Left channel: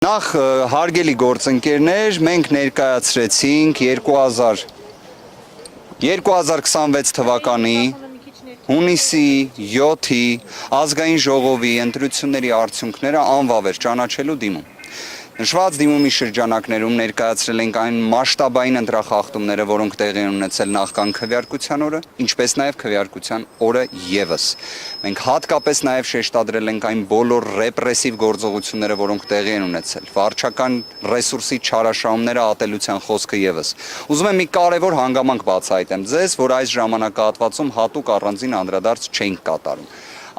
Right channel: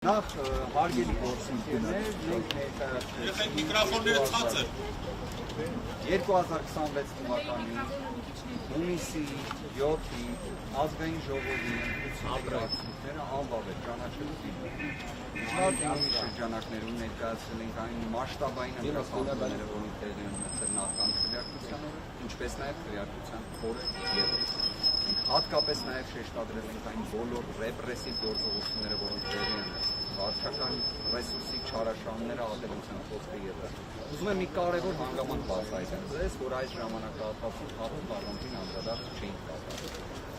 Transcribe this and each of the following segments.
Նախ հարգելի գործընկերներ, մենք ներկայացրեցինք 2026 թվականի հունիսի 7-ի ազգային ժողովի ընտրությունների արդյունքները անվավեր ճանաչելու դիմում։ Նշված դիմումի շրջանակներում ներկայացրել ենք այն մասշտաբային ընտրախախտումները, որոնք տեղի են ունեցել նախքան քվեարկության օրը, ինչպես նաև քվեարկության օրը ևս։ Մենք հատկապես նաև շեշտադրել ենք այն բոլոր ռեպրեսիվ գործողությունները, որոնք տեղի են ունեցել, վարչական ռեսուրսի չարաշահումները, ատելության խոսքը ևս։ Ուզում եմ մի կարևոր հանգամանք բացահայտեմ ձեզ, որ այս ժամանակահատվածում հատուկ առանձին անդրադարձ չենք կատարում։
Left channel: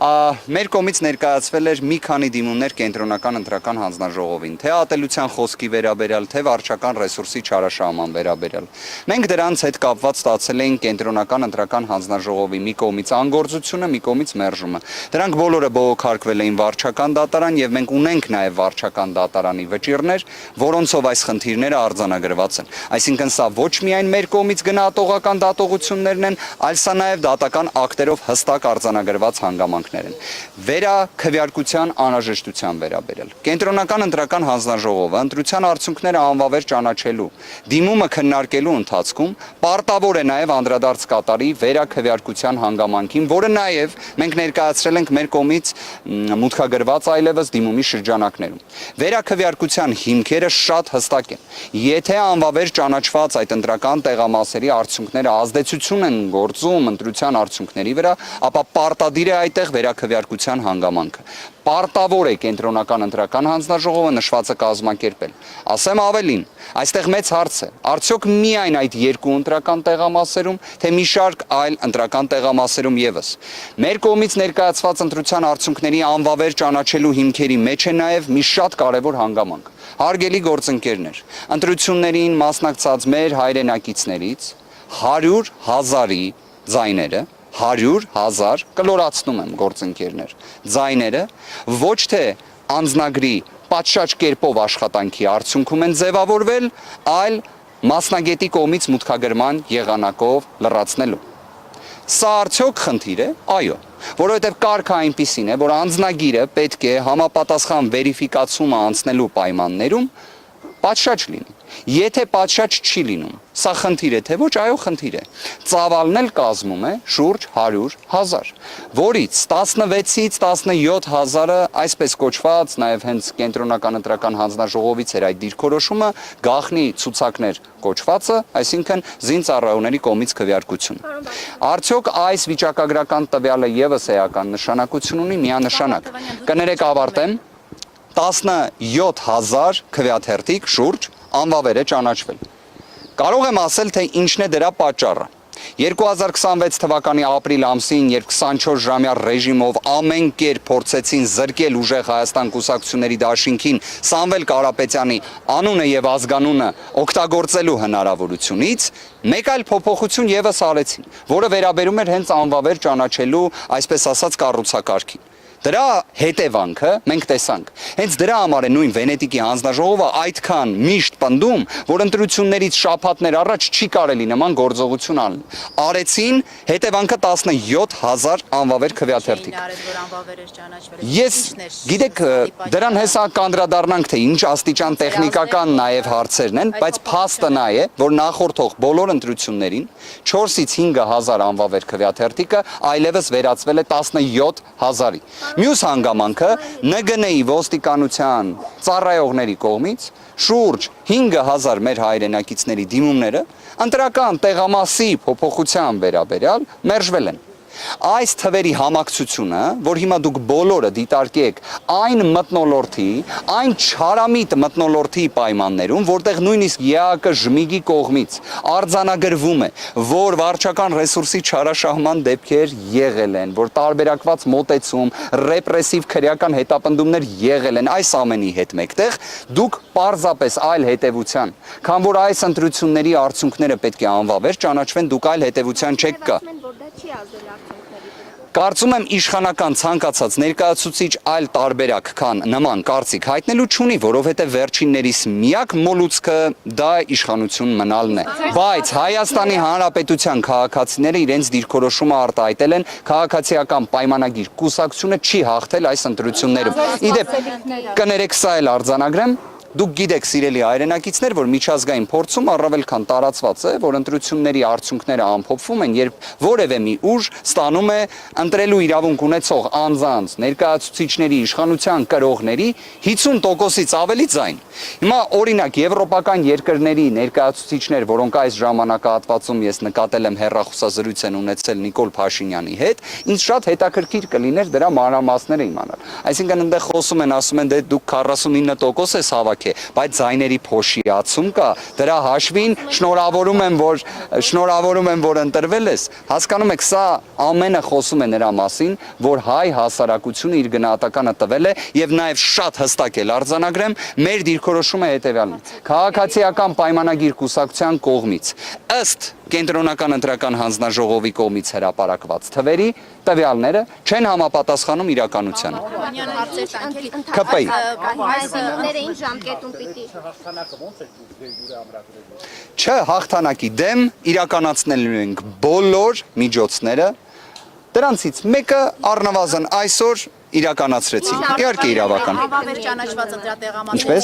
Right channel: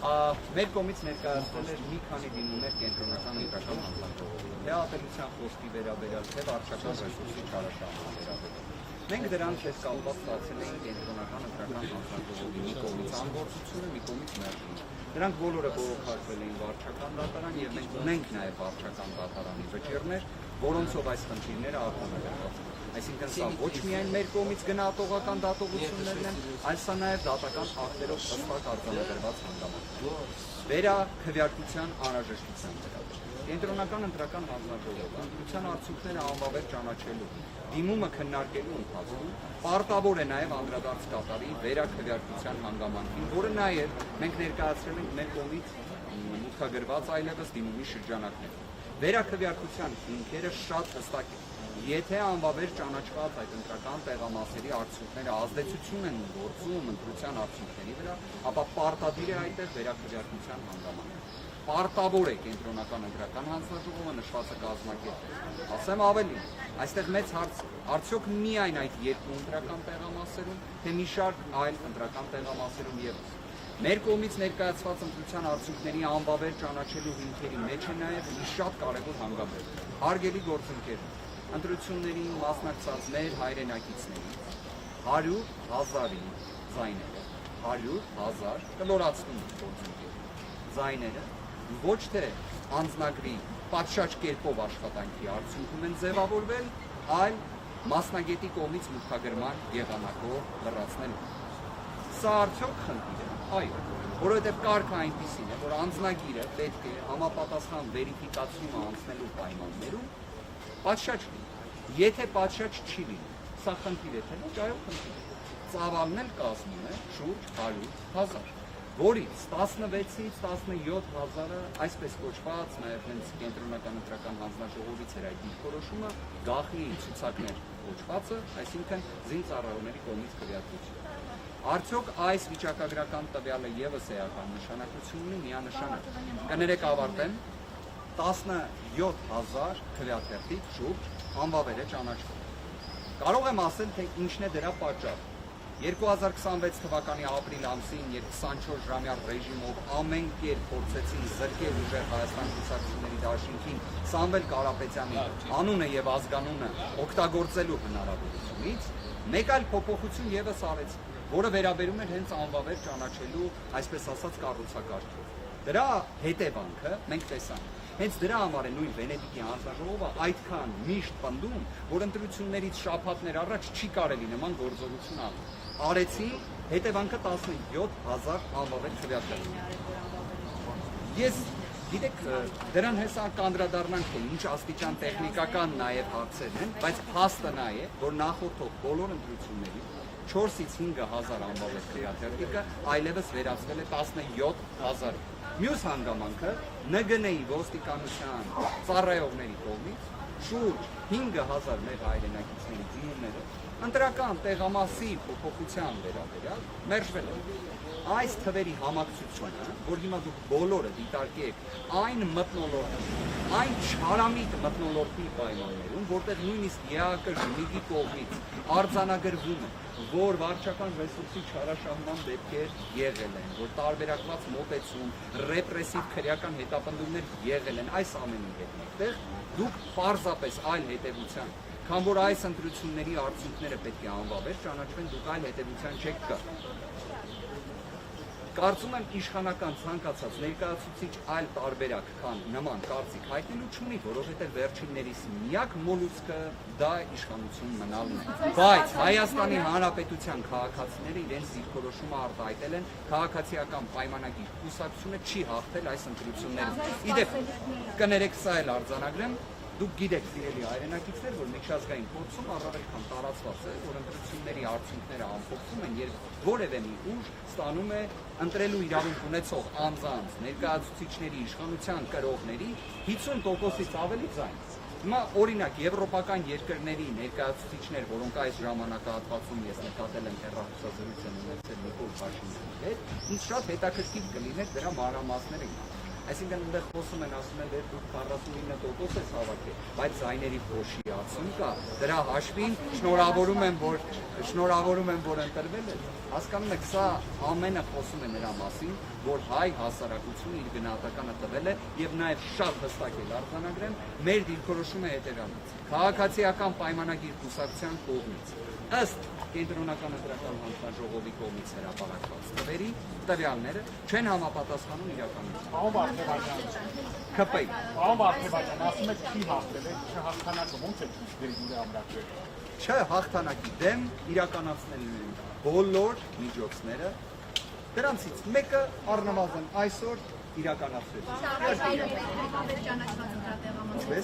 Մեր կողմից ներկայացվել էր մի քանի դիմումներ կենտրոնական ընտրական հանձնաժողովին, թե ատելության խոսքի վերաբերյալ, թե վարչական ռեսուրսի չարաշահման վերաբերյալ։ Մենք դրանց հետ կապված ստացել էինք կենտրոնական ընտրական հանձնաժողովի մի կողմից անգործությունը, մի կողմից մերժումը։ Դրանք բոլորը բողոքարկվել էին վարչական դատարան եւ մենք ունենք նաեւ վարչական դատարանի վճիռներ, որոնցով այս խնդիրները արձանագրված են։ Այսինքն սա ոչ միայն մեր կողմից գնահատողական դատողություններն են, այլ սա նաեւ դատական ակտերով հստակ արձանագրված հանգամանք վերաքվեարկության անհրաժեշտության վերաբերյալ։ Կենտրոնական ընտրական հանձնաժողովը ընտրության արդյունքները անվավեր ճանաչելու, դիմումը քննարկելու ընթացքում պարտավոր է նաև անդրադարձ կատարի վերաքվեարկության հանգամանքին, որը նաև մենք ներկայացրել ենք մեր կողմից մուտքագրված այլևս դիմումի շրջանակներում։ Վերաքվեարկության հիմքերը շատ հստակ են։ Եթե անվավեր ճանաչված այդ ընտրական տեղամասերի արդյունքները ազդեցություն են գործում ընտրության արդյունքների վրա, ապա պարտադիր է այդտեղ վերաքվեարկության հանգամանքը։ Պարտավոր է կենտրոնական ընտրական հանձնաժողովը նշվածը կազմակերպել։ Ասեմ ավելին, այստեղ մեծ հարց է, արդյոք միայն այդ երկու ընտրական տեղամասերում, թե մի շարք այլ ընտրական տեղամասերում ևս։ Մեր կողմից ներկայացված ընտրության արդյունքների անվավեր ճանաչելու հիմքերի մեջ է նաև մի շատ կարևոր հանգամանք։ Հարգելի գործընկերներ, ընտրություններին մասնակցած մեր հայրենակիցներից 100,000-ի ձայները 100,000 կլորացնում եմ գործընկերներ, ձայները ոչ թե անձնագրի պատշաճ կերպով աշխատանքի արդյունքում են ձևավորվել, այլ մասնագետի կողմից մուտքագրման եղանակով լրացնելու։ Սա արդյոք խնդիր է? Այո, որովհետև կարգը այնպիսին է, որ անձնագիրը պետք է համապատասխան վերիֆիկացումը անցնելու պայմաններում պատշաճ լինի։ Եթե պատշաճ չի լինում, սա խնդիր է, թե ոչ, այո, խնդիր է։ Ծավալն էլ կազմում է շուրջ 100,000, որից 16-ից 17,000-ը այսպես կոչված, նաև հենց կենտրոնական ընտրական հանձնաժողովից էր այդ դիրքորոշումը, գաղտնի ցուցակներ կոչվածը, այսինքն զինծառայողների կողմից քվեարկություն։ Արդյոք այս վիճակագրական տվյալը ևս էական նշանակություն ունի, միանշանակ։ Կներեք ավարտեմ, 17,000 քվեաթերթիկ շուրջ անվավեր է ճանաչվել։ Կարող եմ ասել, թե ինչն է դրա պատճառը։ 2026 թվականի ապրիլ ամսին, երբ 24-ժամյա ռեժիմով ամեն կերպ փորձեցին զրկել ուժեղ Հայաստան կուսակցությունների դաշինքին Սամվել Կարապետյանի անունը եւ ազգանունը օգտագործելու հնարավորությունից, մեկ այլ փոփոխություն ևս արեցին, որը վերաբերում էր հենց անվավեր ճանաչելու, այսպես ասած, կառուցակարգին։ Դրա հետևանքը մենք տեսանք։ Հենց դրա համար է նույն Վենետիկի հանձնաժողովը այդքան միշտ պնդում, որ ընտրություններից շաբաթներ առաջ չի կարելի նման գործողություն անել։ Արեցին, հետևանքը 17,000 անվավեր քվեաթերթիկ։ Ես, գիտեք, դրան հեսա կանդրադառնանք, թե ինչ աստիճան տեխնիկական նաև հարցերն են, բայց փաստը նա է, որ նախորդող բոլոր ընտրություններին 4-ից 5,000 անվավեր քվեաթերթիկը այլևս վերածվել է 17,000-ի։ Մյուս հանգամանքը ՆԳՆ-ի ոստիկանության ծառայողների կողմից շուրջ 5,000 մեր հայրենակիցների դիմումները ընտրական տեղամասի փոփոխության վերաբերյալ մերժվել են։ Այս թվերի համակցությունը, որ հիմա դուք բոլորը դիտարկեք այն մթնոլորտի, այն չարամիտ մթնոլորտի պայմաններում, որտեղ նույնիսկ ԵԱԿ ժմիգի կողմից արձանագրվում է, որ վարչական ռեսուրսի չարաշահման դեպքեր եղել են, որ տարբերակված մոտեցում, ռեպրեսիվ քրեական հետապնդումներ եղել են, այս ամենի հետ մեկտեղ դուք պարզապես այլ հետևության, քան որ այս ընտրությունների արդյունքները պետք է անվավեր ճանաչվեն, դուք այլ հետևության չեք կա։ Կարծում եմ իշխանական ցանկացած ներկայացուցիչ այլ տարբերակ քան նման կարծիք հայտնելու չունի, որովհետև վերջիններիս միակ մոլուցքը դա իշխանություն մնալն է։ Բայց Հայաստանի Հանրապետության քաղաքացիները իրենց դիրքորոշումը արտահայտել են, քաղաքացիական պայմանագիր կուսակցությունը չի հաղթել այս ընտրություններում։ Իդեպ, կներեք սա էլ արձանագրեմ, Դուք գիտեք, սիրելի հայրենակիցներ, որ միջազգային փորձում առավել քան տարածված է, որ ընտրությունների արդյունքները ամփոփվում են, երբ որևէ մի ուժ ստանում է ընտրելու իրավունք ունեցող անձանց, ներկայացուցիչների, իշխանության կրողների 50%-ից ավելի ձայն։ Հիմա օրինակ եվրոպական երկրների ներկայացուցիչներ, որոնք այս ժամանակահատվածում ես նկատել եմ հեռախոսազրույց են ունեցել Նիկոլ Փաշինյանի հետ, ինձ շատ հետաքրքիր կլիներ դրա մանրամասները իմանալ։ Այսինքն այնտեղ խոսում են, ասում են, դե դուք 49% ես հավաք, բայց ձայների փոշիացում կա, դրա հաշվին շնորհավորում եմ, որ ընտրվել ես։ Հասկանում եք, սա ամենը խոսում է նրա մասին, որ հայ հասարակությունը իր գնահատականը տվել է եւ նաեւ շատ հստակ էլ արձանագրեմ, մեր դիրքորոշումը հետեւյալն է։ Քաղաքացիական պայմանագիր կուսակցության կողմից ըստ Կենտրոնական ընտրական հանձնաժողովի կողմից հրապարակված թվերի տվյալները չեն համապատասխանում իրականությանը։ ԿՊ-ի հաղթանակի դեմ իրականացնելու ենք բոլոր միջոցները, դրանցից մեկը առնվազն այսօր իրականացրեցինք։ Իհարկե իրավական։ Ինչպես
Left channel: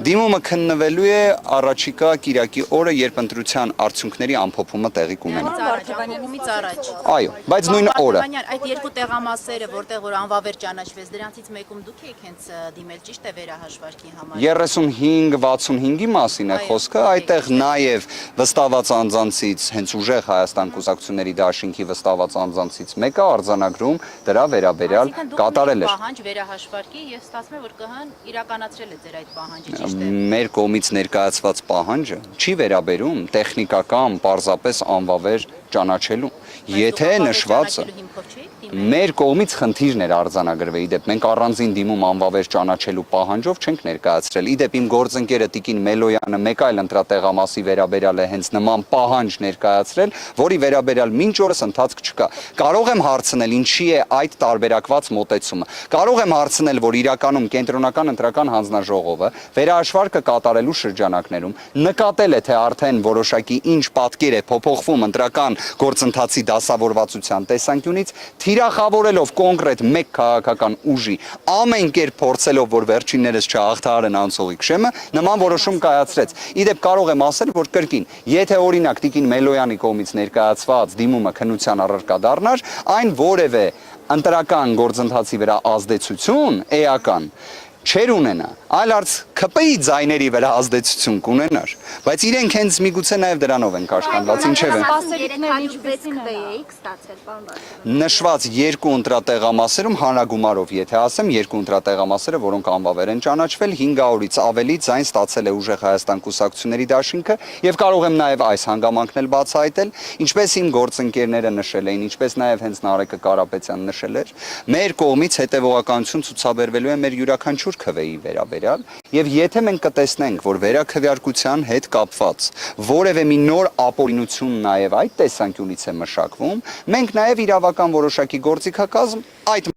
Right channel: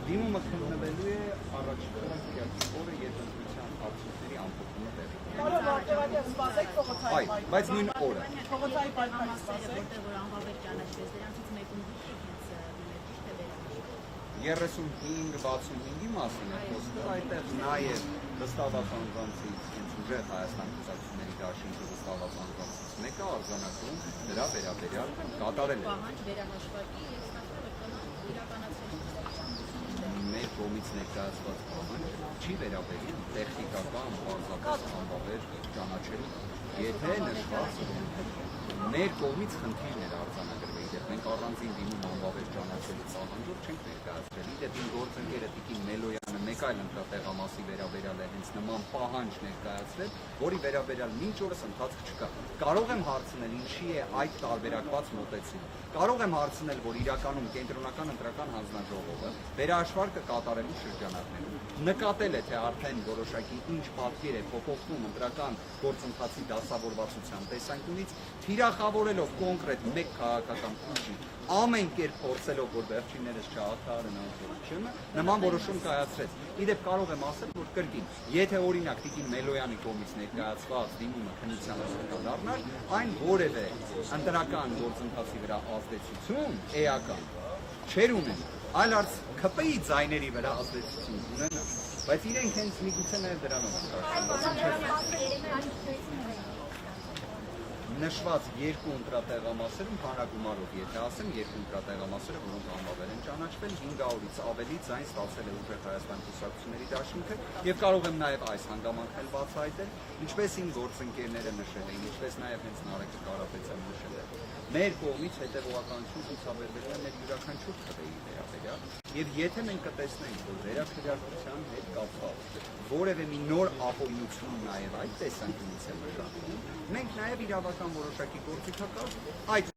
դիմումը քննվելու է առաջիկա կիրակի օրը, երբ ընտրության արդյունքների ամփոփումը տեղի կունենա։ Այո, բայց նույն օրը։ Այդ երկու տեղամասերը, որտեղ որ անվավեր ճանաչվեց, դրանցից մեկում դուք եք հենց դիմել, ճիշտ է վերահաշվարկի համար։ 35-65-ի մասին է խոսքը, այդտեղ նաև վստահված անձանցից, հենց ուժեղ Հայաստան կուսակցությունների դաշինքի վստահված անձանցից մեկը արձանագրում դրա վերաբերյալ կատարել էր։ Պահանջ վերահաշվարկի եւ ստացվում է, որ ԿՀ-ն իրականացրել է ձեր այդ պահանջը։ Մեր կողմից ներկայացված պահանջը չի վերաբերում տեխնիկական, պարզապես անվավեր ճանաչելու։ Եթե նշվածը մեր կողմից խնդիրն էր արձանագրվել, իդեպ մենք առանձին դիմում անվավեր ճանաչելու պահանջով չենք ներկայացրել։ Իդեպ իմ գործընկերը Տիկին Մելոյանը մեկ այլ ընտրատեղամասի վերաբերյալ է հենց նման պահանջ ներկայացրել, որի վերաբերյալ մինչ օրս ընթացք չկա։ Կարող եմ հարցնել, ինչի է այդ տարբերակված մոտեցումը։ Կարող եմ հարցնել, որ իրականում Կենտրոնական ընտրական հանձնաժողովը վերահաշվարկը կատարելու շրջանակներում նկատել է, թե արդեն որոշակի ինչ պատկեր է փոփոխվում ընտրական գործընթացի դասավորվածության տեսանկյունից, թիրախավորելով կոնկրետ մեկ քաղաքական ուժի, ամեն կերպ փորձելով, որ վերջիններս չհաղթահարեն անցողիկ շեմը, նման որոշում կայացրեց։ Իդեպ կարող եմ ասել, որ կրկին, եթե օրինակ Տիկին Մելոյանի կողմից ներկայացված դիմումը քննության առարկա դառնար, այն որևէ ընտրական գործընթացի վրա ազդեցություն էական չեր ունենա, այլ արդ ԿՊ-ի ձայների վրա ազդեցություն կունենար, բայց իրենք հենց միգուցե նաև դրանով են կաշկանդված, ինչև է։ Նշված երկու ընտրատեղամասերում հանրագումարով, եթե ասեմ, երկու ընտրատեղամասերը, որոնք անվավեր են ճանաչվել, 500-ից ավելի ձայն ստացել է ուժեղ Հայաստան կուսակցությունների դաշինքը եւ կարող եմ նաև այս հանգամանքն էլ բացահայտել, ինչպես իմ գործընկերները նշել էին, ինչպես նաև հենց Նարեկը Կարապետյանը նշել էր, մեր կողմից հետևողականություն ցուցաբերվելու է մեր յուրաքանչյուր ՔՎ-ի վերաբերյալ եւ եթե մենք կտեսնենք, որ վերաքվեարկության հետ կապված որևէ մի նոր ապօրինություն նաև այդ տեսանկյունից է մշակվում, մենք նաև իրավական որոշակի գործիքակազմ այդ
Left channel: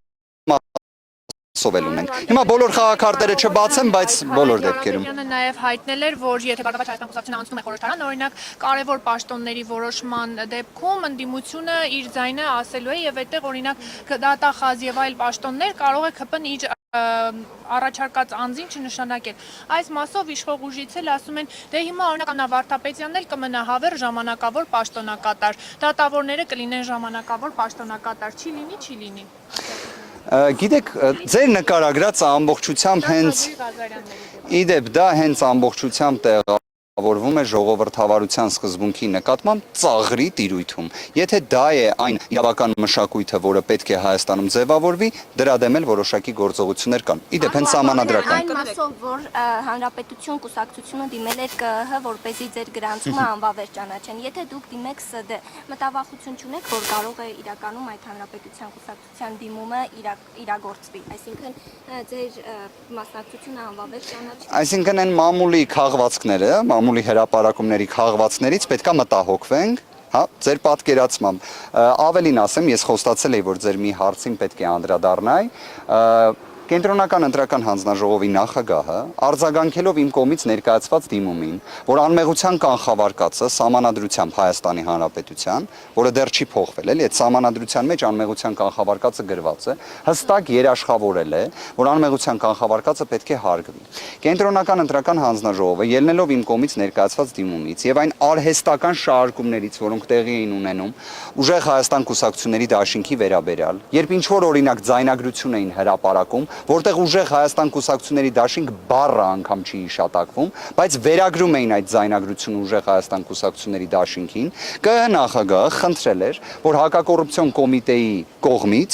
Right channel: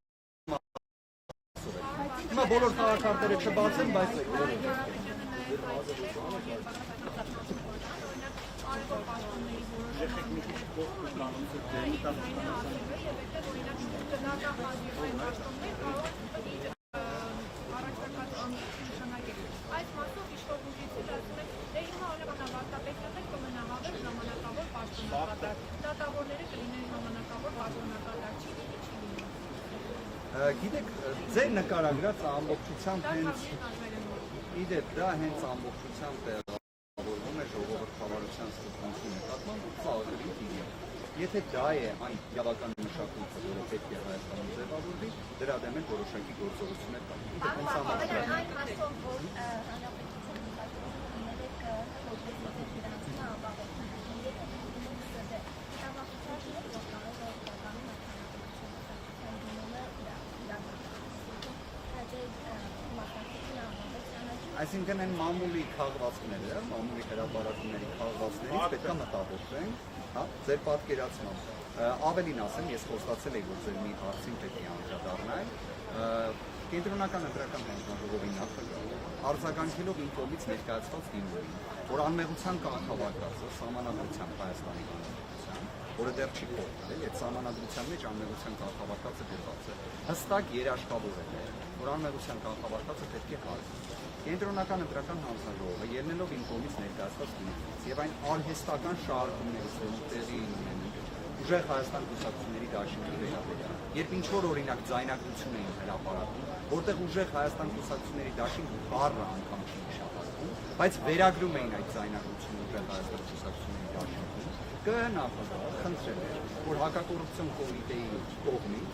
սովել ունենք։ Հիմա բոլոր խաղաքարտերը չբացեմ, բայց բոլոր դեպքերում։ Նաև հայտնել էր, որ եթե բարգավաճ Հայաստան կուսակցությունը անցնում է խորհրդարան, օրինակ կարևոր պաշտոնների որոշման դեպքում ընդդիմությունը իր ձայնը ասելու է եւ այդտեղ օրինակ դատախազ եւ այլ պաշտոններ կարող է ԿՊ-ն իր առաջարկած անձին չնշանակել։ Այս մասով իշխող ուժից էլ ասում են, դե հիմա օրինակ Աննա Վարդապետյանն էլ կմնա հավեր ժամանակավոր պաշտոնակատար, դատավորները կլինեն ժամանակավոր պաշտոնակատար, չի լինի։ Գիտեք, ձեր նկարագրած ամբողջությամբ հենց իդեպ դա հենց ամբողջությամբ տեղավորվում է ժողովրդավարության սկզբունքի նկատմամբ ծաղրի տիրույթում։ Եթե դա է այն իրավական մշակույթը, որը պետք է Հայաստանում ձևավորվի, դրա դեմ էլ որոշակի գործողություններ կան։ Իդեպ հենց սահմանադրական։ Այն մասով, որ Հանրապետություն կուսակցությունը դիմել էր ԿՀ, որպեսզի ձեր գրանցումը անվավեր ճանաչեն։ Եթե դուք դիմեք ՍԴ, մտավախություն չունեք, որ կարող է իրականում այդ Հանրապետության կուսակցության դիմումը իրագործվի, այսինքն ձեր մասնակցությունը անվավեր ճանաչի։ Այսինքն այն մամուլի քաղվածքները, մամուլի հրապարակումների քաղվածքներից պետքա մտահոգվենք, հա, ձեր պատկերացմամբ։ Ավելին ասեմ, ես խոստացել էի, որ ձեր մի հարցին պետք է անդրադառնայի։ Կենտրոնական ընտրական հանձնաժողովի նախագահը արձագանքելով իմ կողմից ներկայացված դիմումին, որ անմեղության կանխավարկածը սահմանադրությամբ Հայաստանի Հանրապետության, որը դեռ չի փոխվել, էլի այդ սահմանադրության մեջ անմեղության կանխավարկածը գրված է, հստակ երաշխավորել է, որ անմեղության կանխավարկածը պետք է հարգվի։ Կենտրոնական ընտրական հանձնաժողովը ելնելով իմ կողմից ներկայացված դիմումից եւ այն արհեստական շարժումներից, որոնք տեղի էին ունենում ուժեղ Հայաստան կուսակցությունների դաշինքի վերաբերյալ, երբ ինչ որ օրինակ ձայնագրություն էին հրապարակում, որտեղ ուժեղ Հայաստան կուսակցությունների դաշինք բառը անգամ չի հիշատակվում, բայց վերագրում էին այդ ձայնագրությունը ուժեղ Հայաստան կուսակցությունների դաշինքին, ԿԸՀ նախագահը խնդրել էր, որ հակակոռուպցիոն կոմիտեի կողմից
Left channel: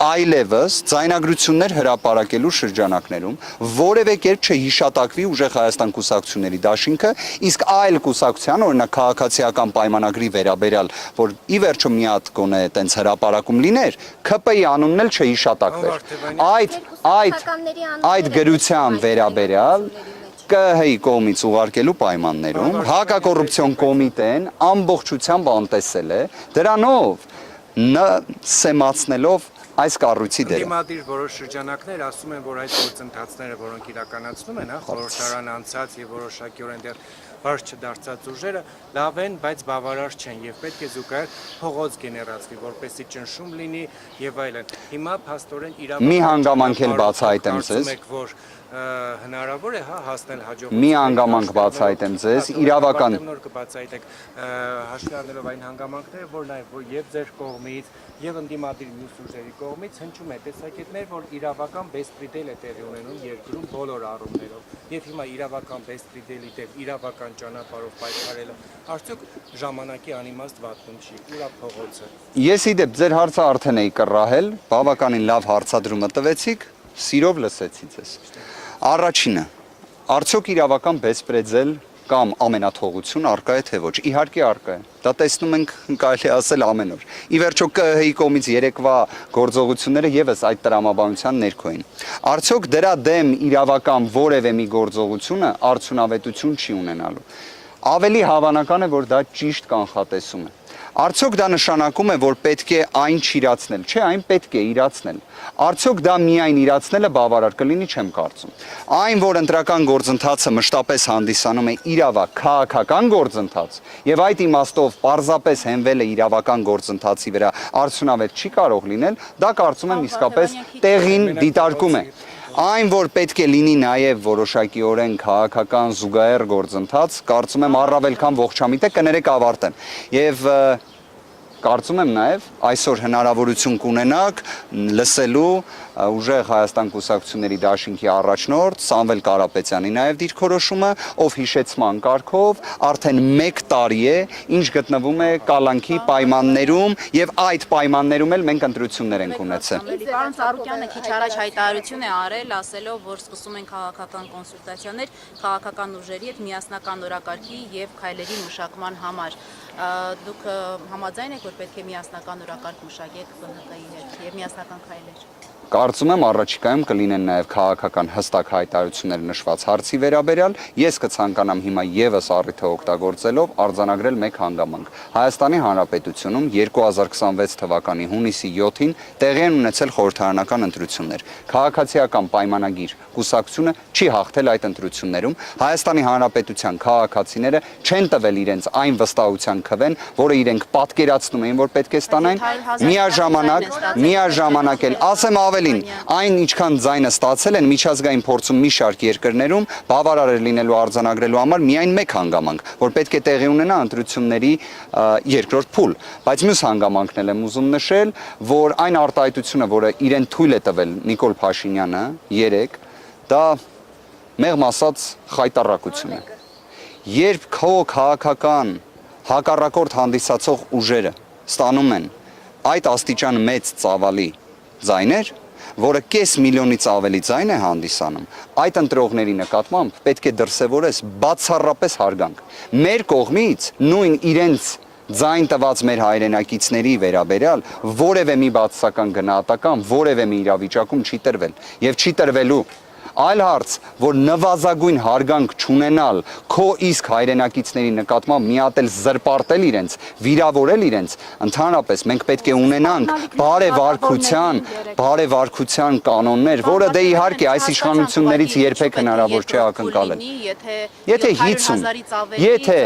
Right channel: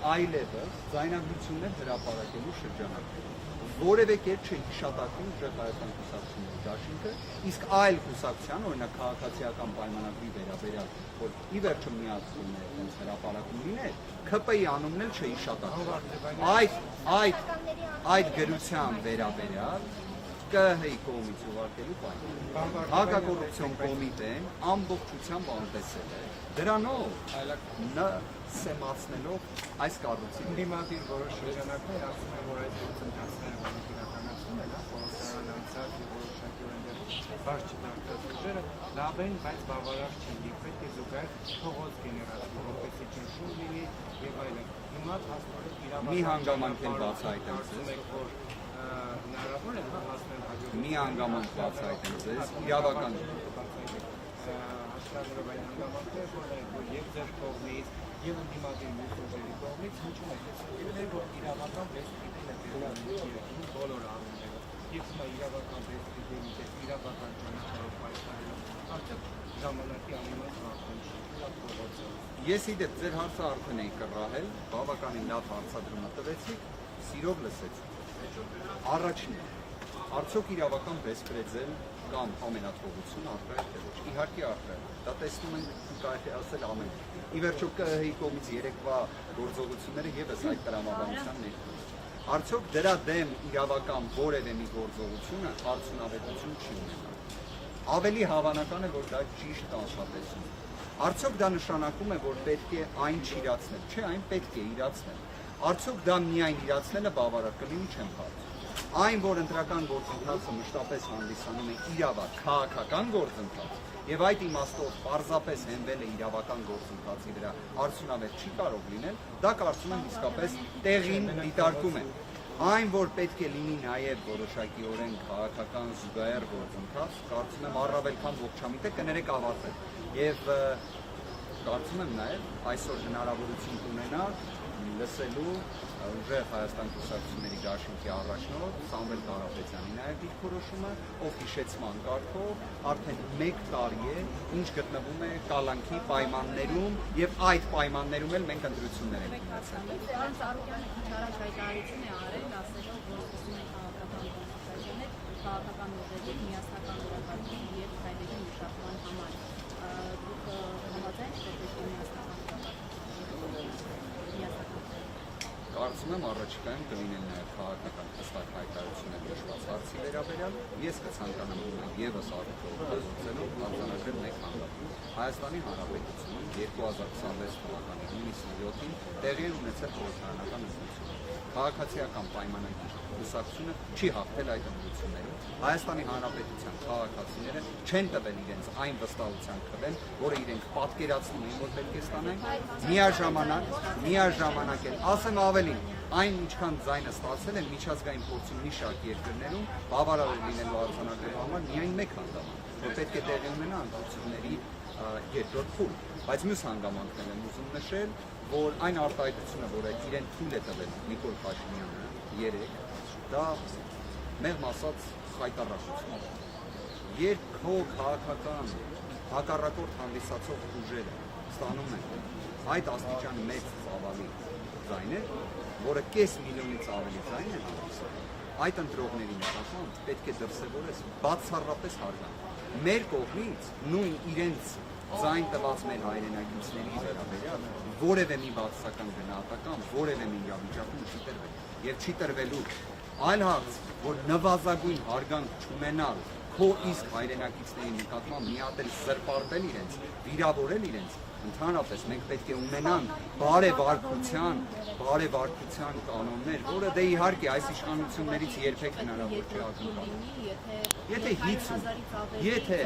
այլևս ձայնագրություններ հրապարակելու շրջանակներում որևէ կերպ չհիշատակվի ուժեղ Հայաստան կուսակցությունների դաշինքը, իսկ այլ կուսակցության, օրինակ քաղաքացիական պայմանագրի վերաբերյալ, որ ի վերջո մի հատ գոնե այտենց հրապարակում լիներ, ՔՊ-ի անունն էլ չհիշատակվեր։ Այդ գրության վերաբերյալ ԿՀ-ի կողմից ուղարկելու պայմաններում հակակոռուպցիոն կոմիտեն ամբողջությամբ անտեսել է, դրանով սեմացնելով այս կառույցի դերը։ Դիմադիր որոշ շրջանակներ ասում են, որ այս գործընթացները, որոնք իրականացնում են, խորհրդարան անցած եւ որոշակիորեն դեռ բարձ չդարձած ուժերը լավ են, բայց բավարար չեն եւ պետք է զուգահեռ փողոց գեներացվի, որպեսզի ճնշում լինի եւ այլն։ Հիմա փաստորեն իրավական մի հանգամանք էլ բացահայտեմ ձեզ, հնարավոր է հասնել հաջողության։ Մի հանգամանք բացահայտեմ ձեզ, իրավական նոր կբացահայտեք հաշվի առնելով այն հանգամանքները, որ եւ ձեր կողմից եւ ընդդիմադիր ուժերի կողմից հնչում է տեսակետներ, որ իրավական բեսպրեդել է տեղի ունենում երկրում բոլոր առումներով։ Եվ հիմա իրավական բեսպրեդելի դեպ իրավական ճանապարհով պայքարելը արդյոք ժամանակի անիմաստ վատում չի, ուրա փողոցը։ Ես իդեպ ձեր հարցը արդեն էի կռահել, բավականին լավ հարցադրումը տվեցիք, սիրով լսեցի ձեզ։ Առաջինը, արդյոք իրավական բեսպրեդել կամ ամենաթողություն արկա է թե ոչ։ Իհարկե արկա է։ Դա տեսնում ենք, կարելի ասել ամեն օր։ Ի վերջո ԿՀ-ի կողմից երեկվա գործողությունները եւս այդ տրամաբանության ներքո են։ Արդյոք դրա դեմ իրավական որևէ մի գործողությունը արդյունավետություն չի ունենալու։ Ավելի հավանական է, որ դա ճիշտ կանխատեսում է։ Արդյոք դա նշանակում է, որ պետք է այն չիրացնել։ Չէ, այն պետք է իրացնել։ Արդյոք դա միայն իրացնելը բավարար կլինի, չեմ կարծում։ Այն, որ ընտրական գործընթացը մշտապես հանդիսանում է իրավակ քաղաքական գործընթաց, եւ այդ իմաստով պարզապես հենվել է իրավական գործընթացի վրա, արդյունավետ չի կարող լինել, դա կարծում եմ իսկապես տեղին դիտարկում է։ Այն, որ պետք է լինի նաև որոշակիորեն քաղաքական զուգահեռ գործընթաց, կարծում եմ առավել քան ողջամիտ է, կներեք ավարտեմ։ Եվ կարծում եմ նաև այսօր հնարավորություն կունենաք լսելու ուժեղ Հայաստան կուսակցությունների դաշինքի առաջնորդ Սամվել Կարապետյանի նաև դիրքորոշումը, ով հիշեցման կարգով արդեն 1 տարի է, ինչ գտնվում է կալանքի պայմաններում եւ այդ պայմաններում էլ մենք ընտրություններ ենք ունեցել։ Պարոն Ծառուկյանը քիչ առաջ հայտարարություն է արել, ասելով, որ սկսում են քաղաքական կոնսուլտացիաներ քաղաքական ուժերի հետ միասնական օրակարգի եւ քայլերի մշակման համար։ Դուք համաձայն եք, որ պետք է միասնական օրակարգ մշակեք ԲՆԿ-ի հետ եւ միասնական քայլեր։ Կարծում եմ առաջիկայում կլինեն նաև քաղաքական հստակ հայտարարություններ նշված հարցի վերաբերյալ, ես կցանկանամ հիմա եւս առիթը օգտագործելով արձանագրել մեկ հանգամանք։ Հայաստանի Հանրապետությունում 2026 թվականի հունիսի 7-ին տեղի են ունեցել խորհրդարանական ընտրություններ։ Քաղաքացիական պայմանագիր կուսակցությունը չի հաղթել այդ ընտրություններում։ Հայաստանի Հանրապետության քաղաքացիները չեն տվել իրենց այն վստահության քվեն, որը իրենք պատկերացնում էին, որ պետք է ստանային։ Միաժամանակ էլ ասեմ ավելին, այն ինչքան ձայնը ստացել են միջազգային փորձում մի շարք երկրներում, բավարար է լինելու արձանագրելու համար միայն մեկ հանգամանք, որ պետք է տեղի ունենա ընտրությունների երկրորդ փուլ։ Բայց մյուս հանգամանքն էլ եմ ուզում նշել, որ այն արտահայտությունը, որը իրեն թույլ է տվել Նիկոլ Փաշինյանը երեկ, դա մեղմ ասած խայտառակություն է։ Երբ քո քաղաքական հակառակորդ հանդիսացող ուժերը ստանում են այդ աստիճան մեծ ծավալի ձայներ, որը կես միլիոնից ավելի ձայն է հանդիսանում, այդ ընտրողների նկատմամբ պետք է դրսևորես բացառապես հարգանք։ Մեր կողմից նույն իրենց ձայն տված մեր հայրենակիցների վերաբերյալ որևէ մի բացասական գնահատական որևէ մի իրավիճակում չի տրվել եւ չի տրվելու։ Այլ հարց, որ նվազագույն հարգանք չունենալ քո իսկ հայրենակիցների նկատմամբ մի հատ էլ զրպարտել իրենց, վիրավորել իրենց, ընդհանրապես մենք պետք է ունենանք բարեվարքության կանոններ, որը դե իհարկե այս իշխանություններից երբեք հնարավոր չէ ակնկալել։ Եթե 50, եթե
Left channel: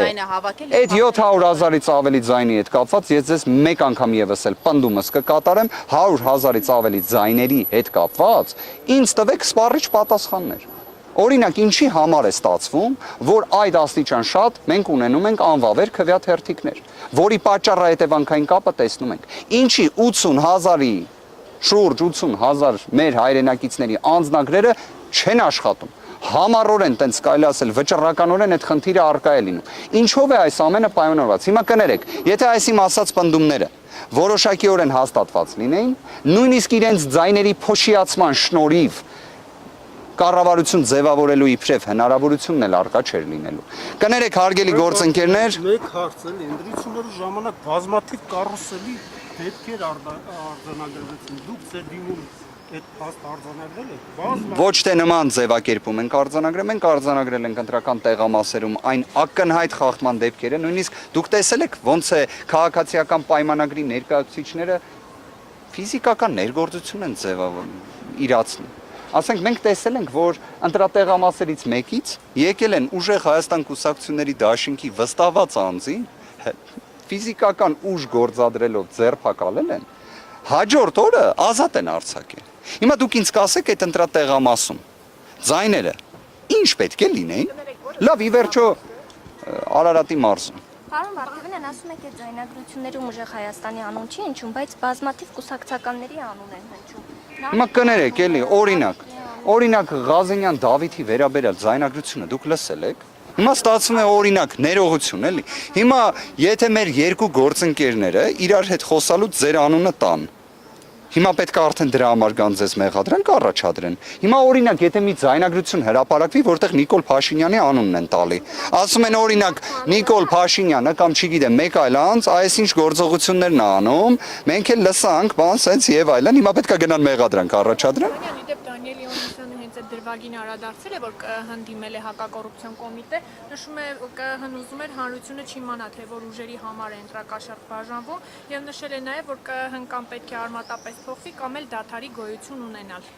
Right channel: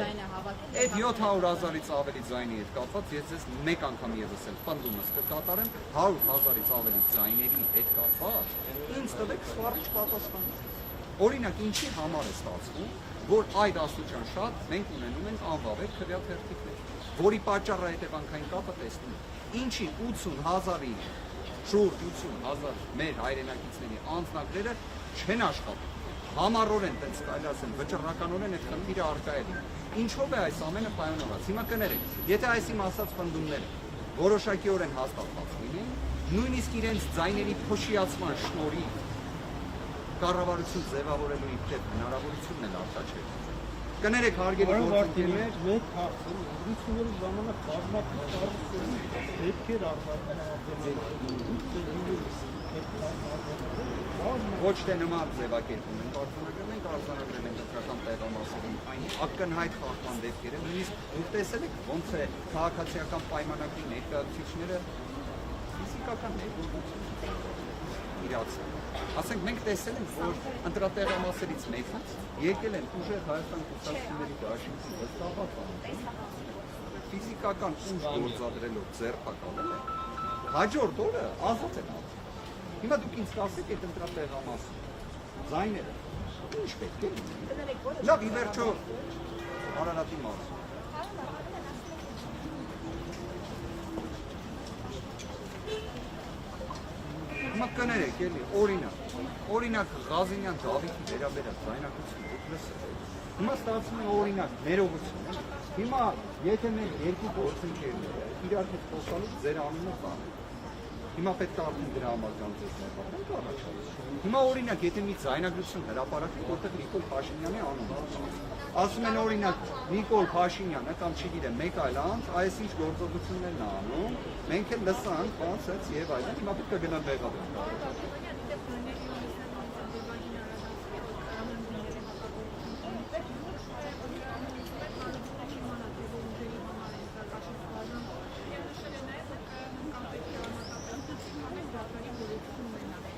այդ 700,000-ից ավելի ձայնի հետ կապված, ես ձեզ մեկ անգամ եւս էլ պնդումս կկատարեմ 100,000-ից ավելի ձայների հետ կապված, ինձ տվեք սպառիչ պատասխաններ։ Օրինակ, ինչի համար է ստացվում, որ այդ աստիճան շատ մենք ունենում ենք անվավեր քվեաթերթիկներ, որի պատճառը հետևանքային կապը տեսնում ենք։ Ինչի 80,000-ի շուրջ 80,000 մեր հայրենակիցների անձնագրերը չեն աշխատում։ Համառորեն տենց կարելի ասել վճռականորեն այդ խնդիրը արկա է լինում։ Ինչով է այս ամենը պայմանավորված։ Հիմա կներեք, եթե այս իմ ասած պնդումները որոշակիորեն հաստատված լինեին, նույնիսկ իրենց ձայների փոշիացման շնորհիվ կառավարություն ձևավորելու իբրև հնարավորությունն էլ արկա չէր լինելու։ Կներեք, հարգելի գործընկերներ, մեկ հարց է, ընտրությունների ժամանակ բազմաթիվ կառուցելի դեպքեր արձանագրվեցին։ Դուք ձեր դիմում այդ արձանագրել եք։ ոչ թե նման ձևակերպում ենք արձանագրել, մենք արձանագրել ենք ընտրական տեղամասերում այն ակնհայտ խախտման դեպքերը, նույնիսկ դուք տեսել եք ոնց է քաղաքացիական պայմանագրի ներկայացուցիչները ֆիզիկական ներգործություն են իրացնում։ Ասենք մենք տեսել ենք, որ ընտրատեղամասերից մեկից եկել են ուժեղ Հայաստան կուսակցությունների դաշինքի վստահված անձին ֆիզիկական ուժ գործադրելով ձերբակալել են, հաջորդ օրը ազատ են արձակել։ Հիմա դուք ինձ կասեք այդ ընտրատեղամասում ձայները ինչ պետք է լինեին։ Լավ, ի վերջո Արարատի մարզում։ Պարոն Վարդանյան, ասում եք այդ ձայնագրություններում ուժեղ Հայաստանի անուն չի հնչում, բայց բազմաթիվ կուսակցականների անուն են հնչում։ Հիմա կներեք, էլի, օրինակ Ղազենյան Դավիթի վերաբերյալ ձայնագրությունը դուք լսել եք։ Հիմա ստացվում է օրինակ ներողություն, էլի։ Հիմա եթե մեր երկու գործընկերները իրար հետ խոսալուց ձեր անունը տան, հիմա պետք է արդեն դրա համար գանձես մեղադրանք առաջադրեն։ Հիմա օրինակ, եթե մի ձայնագրություն հրապարակվի, որտեղ Նիկոլ Փաշինյանի անունն են տալի, ասում են օրինակ Նիկոլ Փաշինյանը կամ չգիտեմ մեկ այլ անձ այսինչ գործողություններն է անում, մենք էլ լսանք, բան սենց եւ այլն, հիմա պետք է գնան մեղադրանք առաջադրեն։ Դանիել Իոնիսյանը հենց այդ դրվագին անդրադարձել է, որ հանդիմել է հակակոռուպցիոն կոմիտե, նշում է ԿՀ-ն ուզում էր հանրությունը չիմանա, թե որ ուժերի համար է ընտրակաշառք բաժանվում, եւ նշել է նաեւ, որ ԿՀ-ն կամ պետք է արմատապես փոխվի կամ էլ դադարի գոյություն ունենալ։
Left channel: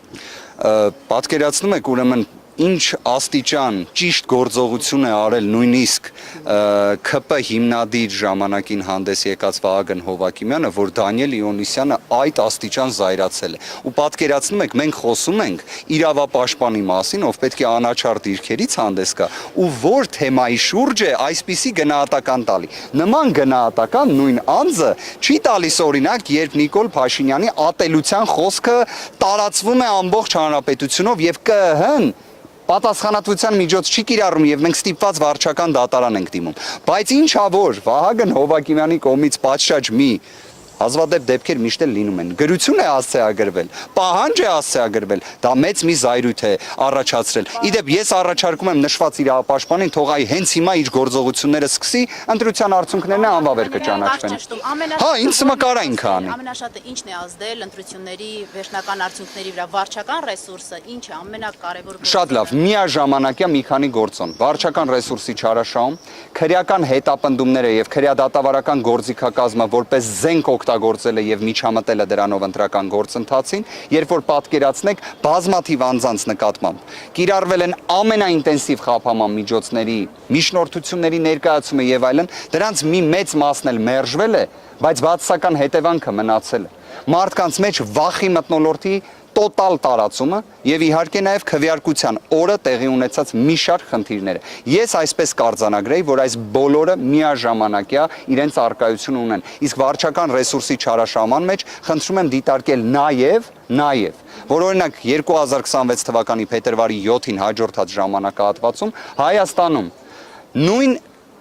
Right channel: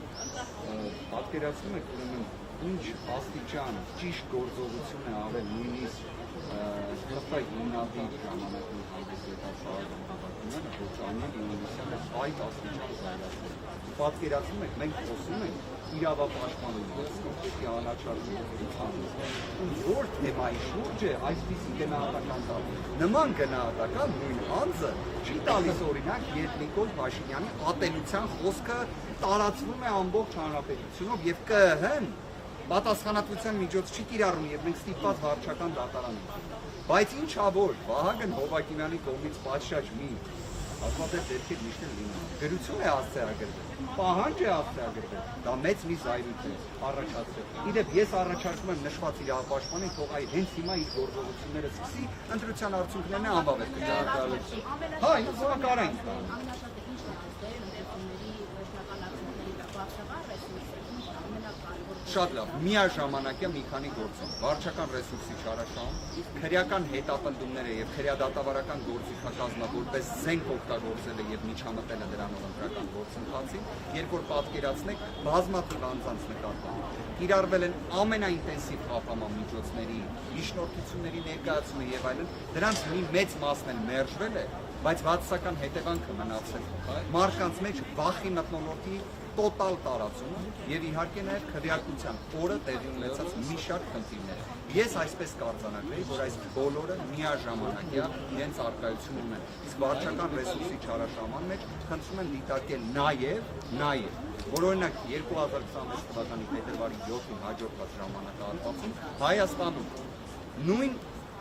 Պատկերացնում եք ուրեմն ինչ աստիճան ճիշտ գործողություն է արել նույնիսկ ՔՊ հիմնադիր ժամանակին հանդես եկած Վահագն Հովակիմյանը, որ Դանիել Իոնիսյանը այդ աստիճան զայրացել է։ Ու պատկերացնում եք, մենք խոսում ենք իրավապաշտպանի մասին, ով պետք է անաչառ դիրքերից հանդես գա, ու որ թեմայի շուրջ է այսպիսի գնահատական տալի։ Նման գնահատական նույն անձը չի տալիս օրինակ, երբ Նիկոլ Փաշինյանի ատելության խոսքը տարածվում է ամբողջ հանրապետությունով եւ ԿՀ-ն պատասխանատվության միջոց չի կիրառում եւ մենք ստիպված վարչական դատարան ենք դիմում։ Բայց ինչա որ Վահագն Հովակիմյանի կողմից պատշաճ մի հազվադեպ դեպքեր միշտ էլ լինում են։ Գրություն է հասցեագրվել, պահանջ է հասցեագրվել, դա մեծ մի զայրույթ է առաջացրել։ Իդեպ ես առաջարկում եմ նշված իրավապաշտպանին թող այ հենց հիմա իր գործողությունները սկսի, ընտրության արդյունքներն անվավեր կճանաչվեն։ Հա, ինձ մկարային քանի։ Ամենաշատը ինչն է ազդել ընտրությունների վերջնական արդյունքների վրա, վարչական ռեսուրսը, ինչ է ամենակարևոր։ Շատ լավ, միաժամանակյա մի քանի գործոն։ Վարչական ռեսուրսի չարաշահում, քրեական հետապնդումները եւ քրեադատավարական գործիքակազմը որպես զենք օգտագործել է եւ միջամտել է դրանով ընտրական գործընթացին, երբ որ պատկերացնեք բազմաթիվ անձանց նկատմամբ կիրառվել են ամենաինտենսիվ խափանման միջոցների, միջնորդությունների ներկայացումը եւ այլն, դրանց մի մեծ մասն էլ մերժվել է, բայց բացասական հետևանքը մնացել է։ Մարդկանց մեջ վախի մթնոլորտի տոտալ տարածումը եւ իհարկե նաեւ քվեարկության օրը տեղի ունեցած մի շարք խնդիրները։ Ես այսպես կարձանագրեի, որ այս բոլորը միաժամանակյա իրենց արկայություն ունեն։ Իսկ վարչական ռեսուրսի չարաշահման մեջ խնդրում եմ դիտարկել նաեւ որ օրինակ 2026 թվականի փետրվարի 7-ին հաջորդած ժամանակահատվածում Հայաստանում նույն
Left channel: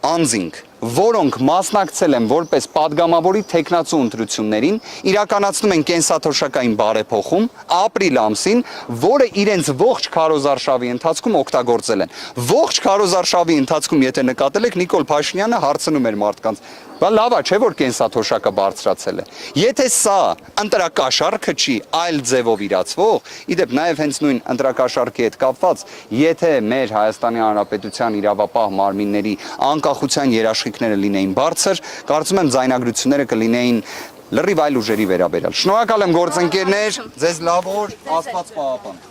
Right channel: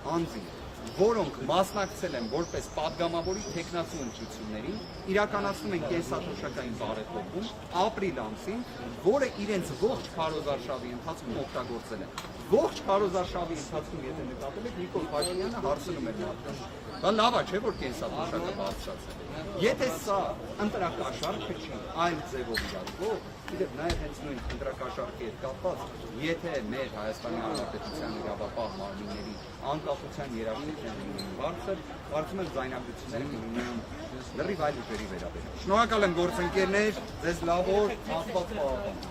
անձինք, որոնք մասնակցել են որպես падգամավորի թեկնածու ընտրություններին, իրականացնում են կենսաթոշակային բարեփոխում ապրիլ ամսին, որը իրենց ողջ քարոզարշավի ընթացքում օգտագործել են։ Ողջ քարոզարշավի ընթացքում, եթե նկատել եք, Նիկոլ Փաշինյանը հարցնում էր մարդկանց. «Բա լավ է, չէ՞ որ կենսաթոշակը բարձրացել է»։ Եթե սա ընտրակաշառքը չի, այլ ձևով իրացվող, իդեպ նաև հենց նույն ընտրակաշառքի հետ կապված, եթե մեր Հայաստանի Հանրապետության իրավապահ մարմինների անկախության երաշխիքները լինեին բարձր, կարծում եմ ձայնագրությունները կլինեին լրիվ այլ ուժերի վերաբերյալ։ Շնորհակալ եմ գործընկերներ, ձեզ լավ օր, Աստված պահապան։